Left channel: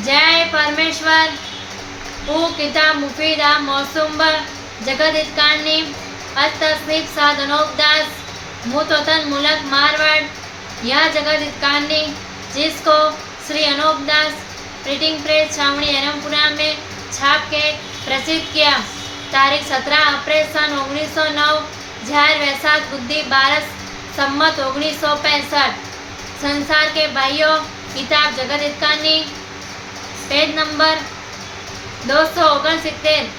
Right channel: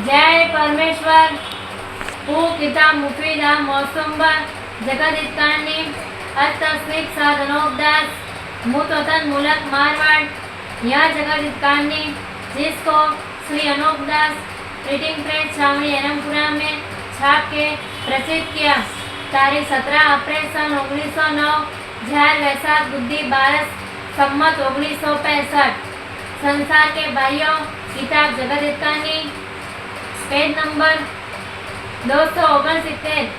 जय परमेश्वर हु किताब मुफीदा मौसुम जगत हितकानी अस्तस्मित साधनोपदास मुतवतन मुलक मारवाड़। यह जगत हितकानी जिसको श्री अनोपदास प्रिंटिंग प्रेस छावनी एरमपुरा में छाप के प्रसिद्ध किया। तारीख 17 अप्रैल सन 1909 झार वैसाख बुद्धि 12 सम्मत 1965। संसार के भाइयों, किताब जगत हितकानी पेज नंबर 269।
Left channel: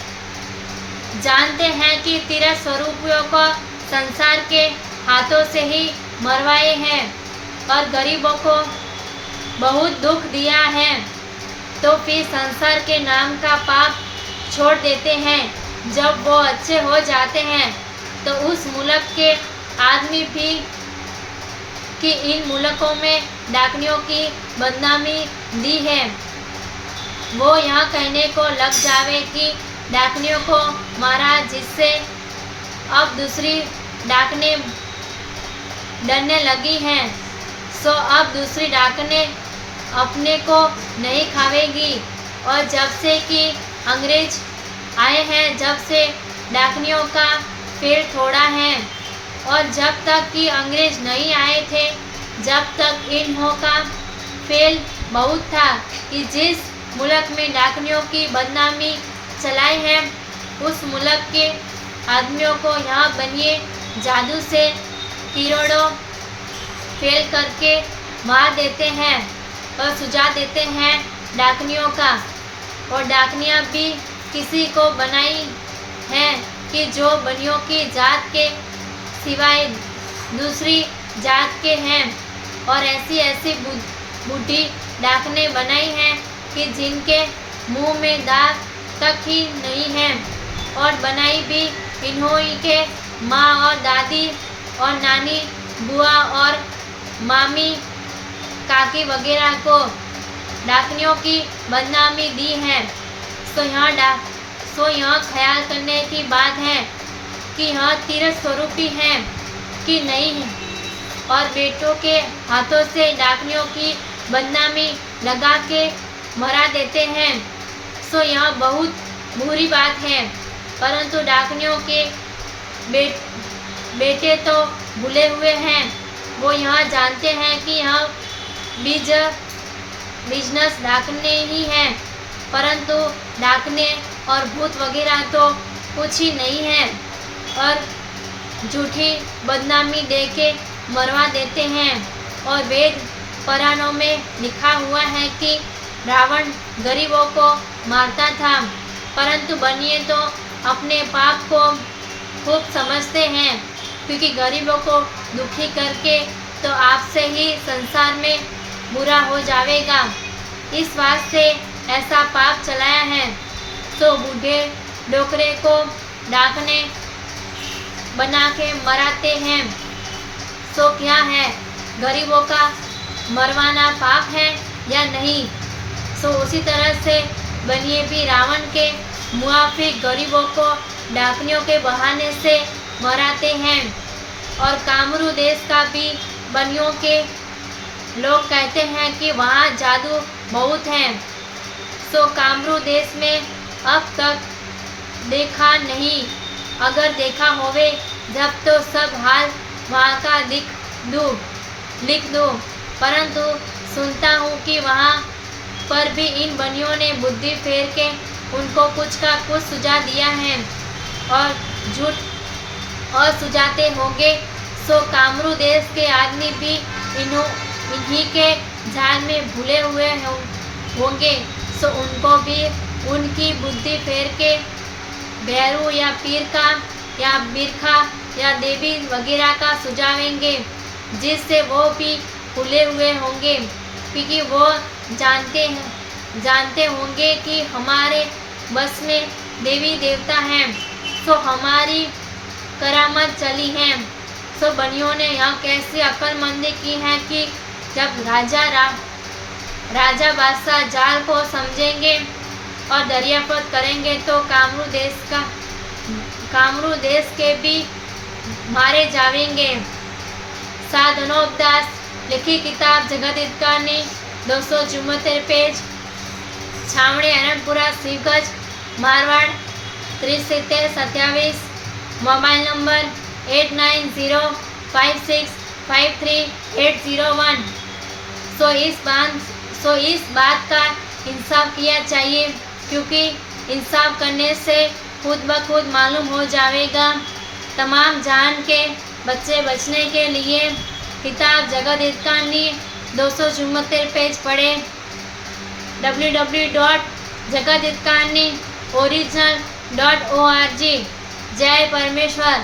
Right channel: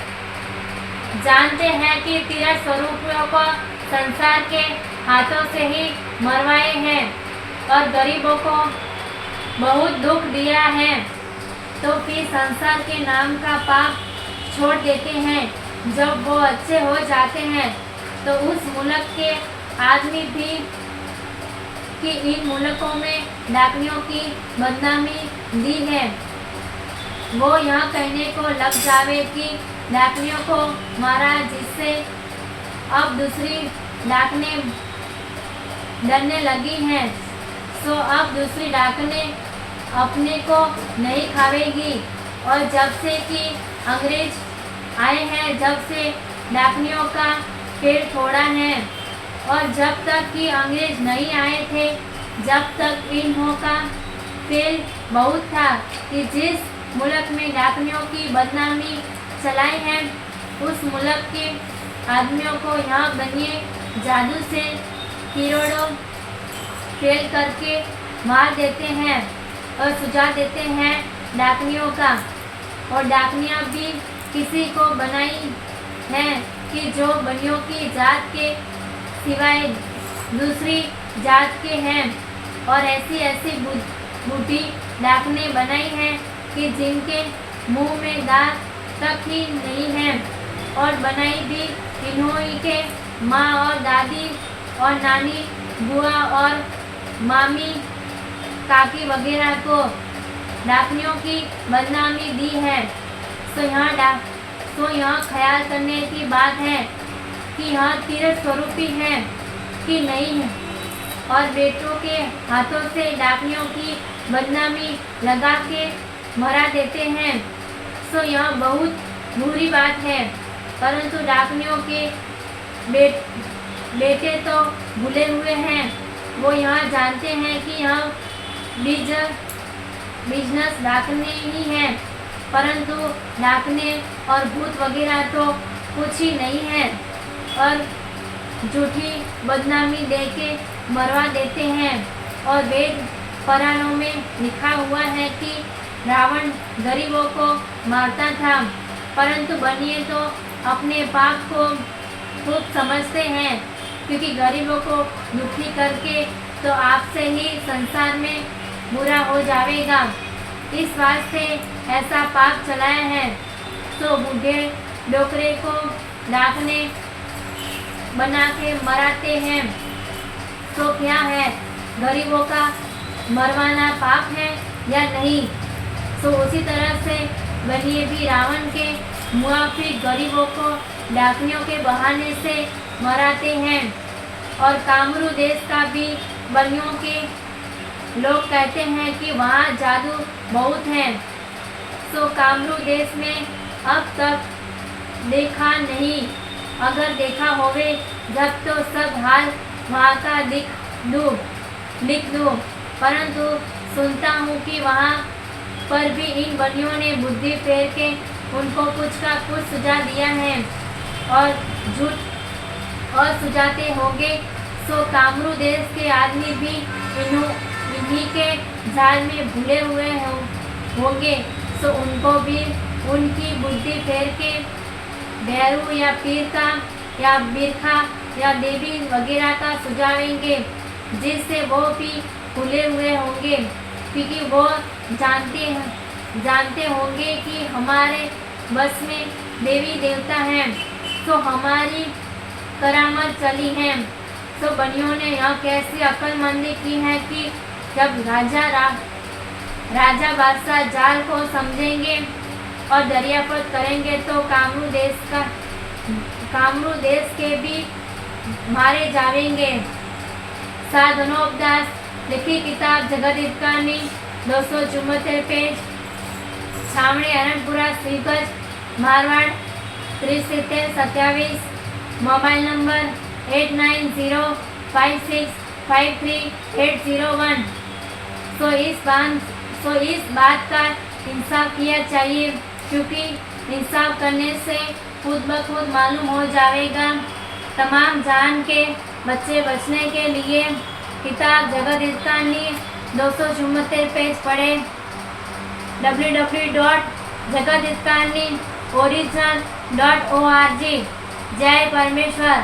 जानते हैं कि तीरथ स्वरूपियों को संसार के हाथों से ही मरवाए हैं और गरीबों को बहुत दुख दिया है, तो फिर संसार के नाम का पाप छोड़ देते हैं। जब वो अच्छे हो जाते हैं तो उस मुल्क के आदमी भी कि इन मुल्कों में डाकनियों की बदनामी दी है, वो यहाँ कहने को लग जावे कि डाकनियों को मारा, जिससे अब दूसरी डाकने डरने लगी हैं। सो अब दूसरी डाकने अपने को नहीं खावेगी। और जब से कि अंग्रेज आए हैं, जब से डाकनियों का पेड़ थोड़ा है, और जब तक कि अंग्रेज नहीं आए थे, जब तक इन्हों का फेल बहुत था कि जिस मुल्क में डाकनियों की बदनामी चलाई है, उस मुल्क के आदमियों को यहाँ बनिए जादू से किरणों फेल करके मार देते हैं और सुझा देते हैं डाकनियों का। और डाकनियाँ भी किसी को बनाई हैं कि जो बनियों की जात के सिवाय दूसरी जात के हैं, और ऐसी ऐसी बूढ़ी डाकने बनाई हैं कि जिनके मुंह में दांत तक ही नहीं है, और बनाई भी इन्हों के माँ और दादी और नानी बुआ और मामी काकी वगैरह को डाकनियों की बदनामी दी है। तो यहाँ ख्याल करने की बात है कि यहाँ तीरथ स्वरूपी हैं कि नहीं है, और बेटों के हाथों से डाकनियों की बदनामी लगा के मरा देते हैं। सो यह बहुत बुरी बात है, परंतु डाकनियों के बेटे तो भूले हुए हैं। वो यहाँ जानते हैं कि यह बिजनेस डाकने ही है, परंतु डाकने और भूत वगैरह तो कुछ ही नहीं है, और झूठी बदनामी दे के मरवा देते हैं। और वेद पुराणों में लिखा हुआ है कि रावण गरीबों को मारता था, परंतु बनिए तो अपने पाप को खूब समझते हैं, क्योंकि गरीबों को दुखी करके तो आपसे ही संसार में बुरा हो जाएगा। इस वास्ते ऐसा पाप चलाया है। तो बूढ़े डोकरे को डाकने बना के मराते हैं। तो क्या है, गरीबों का मरवाना पाप है या नहीं? सो उसी तरह से बनिए भी रावण के मुआफिक गरीबों को डाकनियों के बहाने से मराते हैं। और कामरू देश का भी बनियों के लोग कहते हैं कि वहाँ जादू बहुत है। सो कामरू देश में अब तक देखा नहीं, अगर देखा होवे जब तो सब हाल वहाँ का लिख दो, परंतु सुनता हूँ कि वहाँ पर भी इन बनियों ने बुद्धि फेर के उनको कुछ का कुछ सुझा दिया है, और झूठ और सुझाते होंगे। सो कामरू देश के आदमी भी इन्हीं के जाल में भूले हुए होंगे। सो उनको भी उनकी बुद्धि फेर के भैरू या पीर का या बिरखा या देवी वगैरह का सुझावेंगे, जिससे वो भी भूले हुए होंगे, क्योंकि वो जानते होंगे कि हमारे बस में देवी देवता हैं, तो हमारी करामत चली है। तो बनियों ने यह कैसे अक्लमंदी की है कि जब राजा बादशाह जाल को समझेंगे और दरियापत करेंगे, तो कामरू देश के भी मारे जाएंगे। साधनोपदास लिखी किताब जगत हितकानी 274 पेज छावणी अरणपुरा श्रीगंज मारवाड़ 7327। Mobile number 8905653801। सो इस बात का इंसाफ किया चाहिए, क्योंकि इंसाफ करने से खुद ब खुद मालूम हो जाएगा। तमाम जान के बच्चे बचने के लिए किताब जगत हित कहानी 274 पेज पढ़े। www.jagathitkahani original.org। जय परमेश्वर।